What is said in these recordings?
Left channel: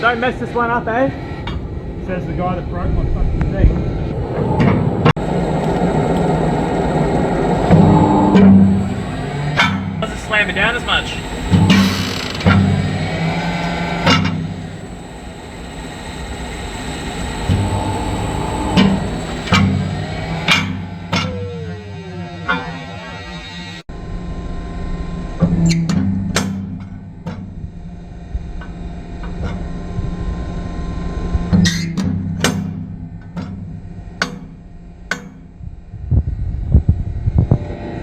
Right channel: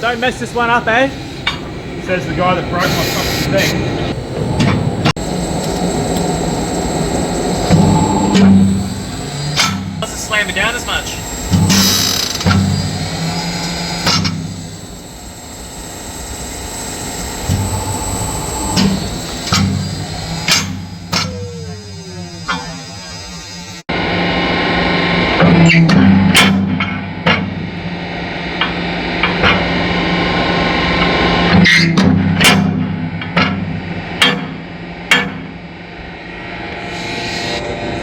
Don't mess this one up, eh? Says the guy that broke my fucking thing. Doesn't slam it down as much.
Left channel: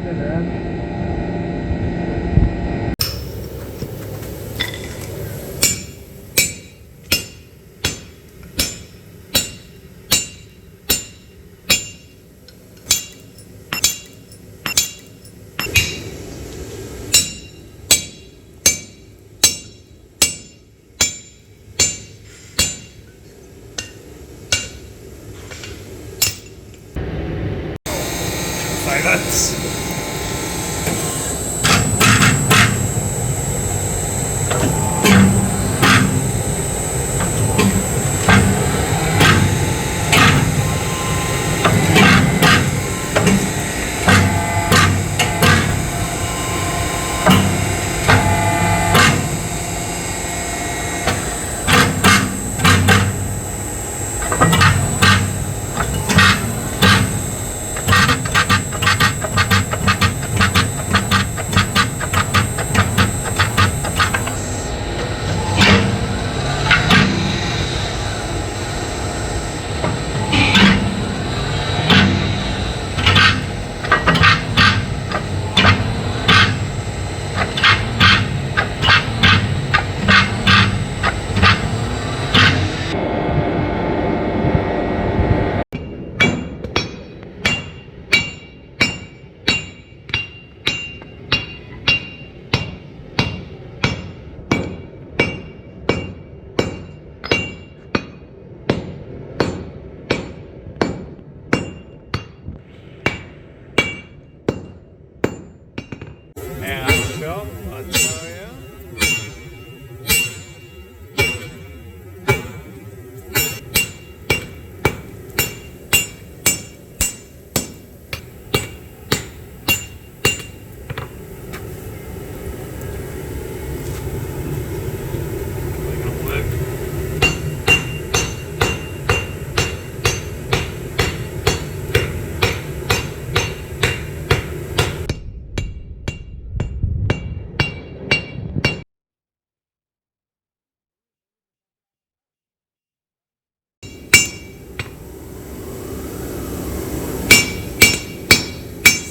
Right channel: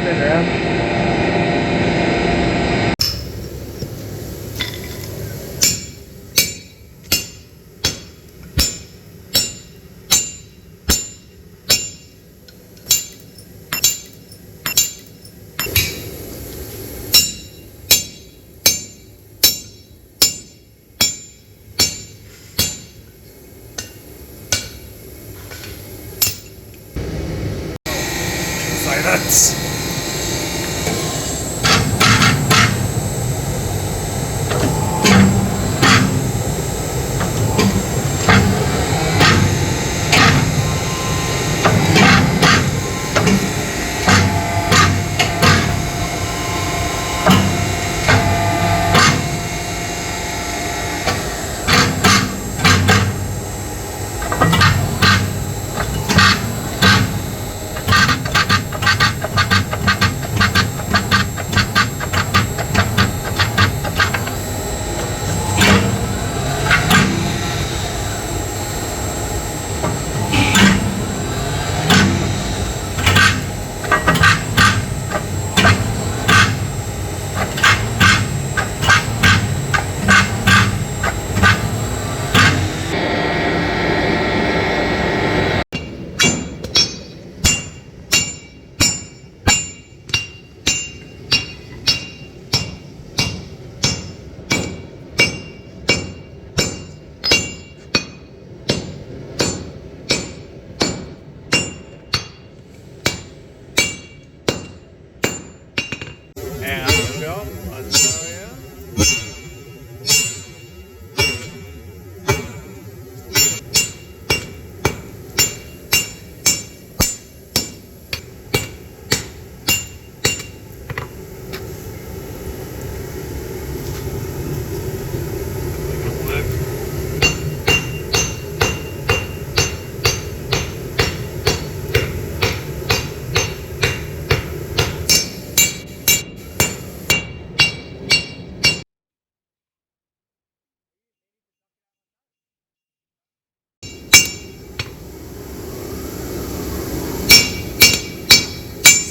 Spin around. Silence.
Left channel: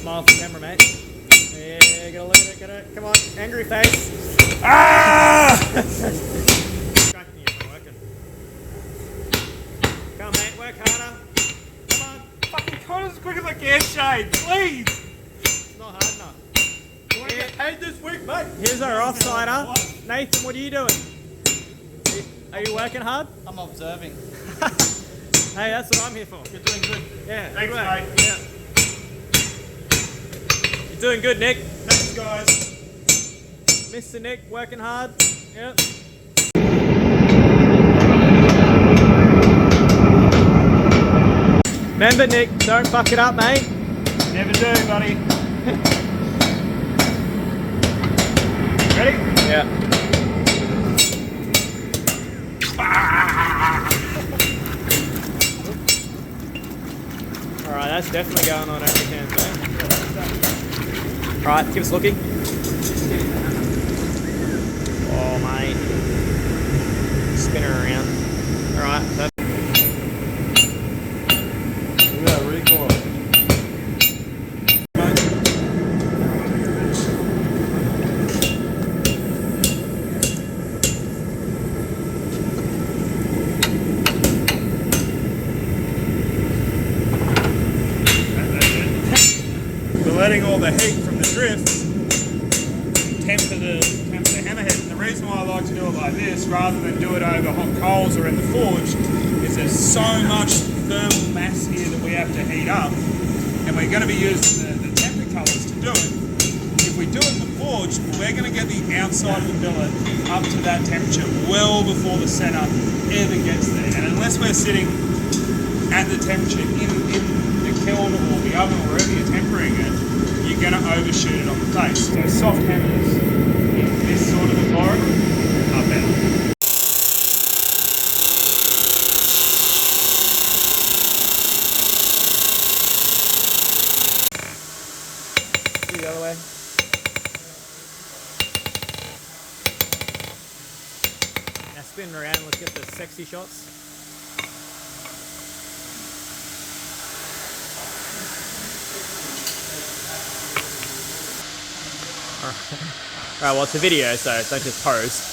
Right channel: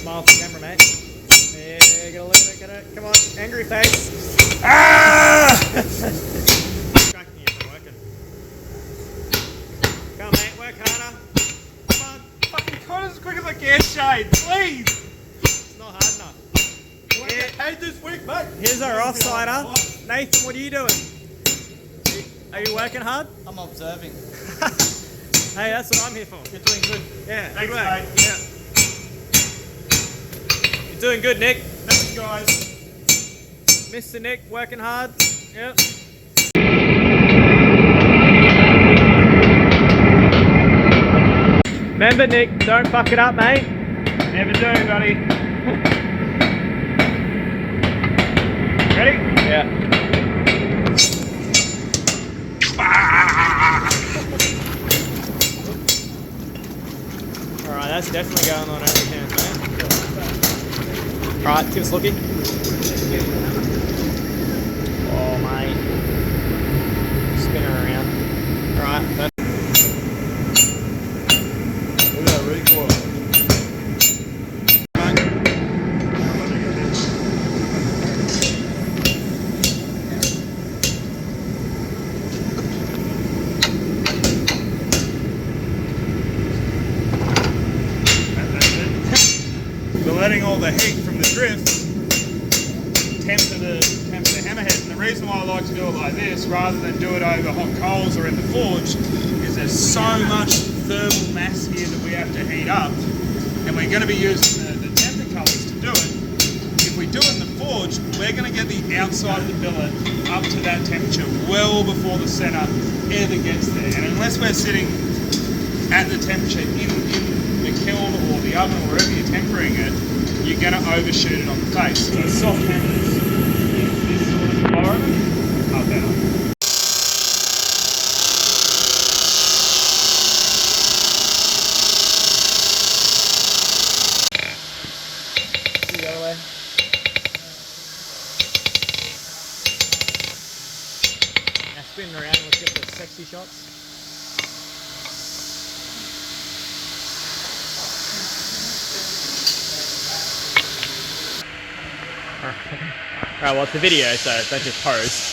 Smile for the camera, mate. Yeah, get a look at it, get it. Come on, angry face. Ah! Distracting you from working. Come on, mate, work harder. Come on. Fucking cut as quick as I can, Shane, please. It's not hard enough. I get paid this week, mate. Here's our offsider. Nathan, what are you doing? Are you working hard? I'm observing. Hey, that's what I'm here for. You're doing good. Yeah, Thanks, good work. mate. Yeah. You're doing good, Nick. Thanks, guys. Mr. Nick, working hard. Yep. Remember, Nick, don't fuck it up, mate. Never do, buddy. Ready? Yeah. Alright, that's definitely going on every chance, mate. Alright, give us a lookie. Oh, mate. Spin her around. Alright, that's letting all the heat from the drifts temper the hammerhead. And the reason why I like to do it like this rather than do it over hot coals or in the forge is there's so much thermal mass here that we have to heat up, and we're going to be using the temper colours to do it. If if we do it in the forge, we're going to get the outside of the billet up to that temperature well before the center ever gets there. And unless we're sitting at the temperature in the kiln or the oven or wherever you're tempering it, you're going to overshoot it on the face. So soft hammers in this sort of environment are better. The other way. Now spin around, let's get the sexy shots. Alright, well it's a video, so don't just pose.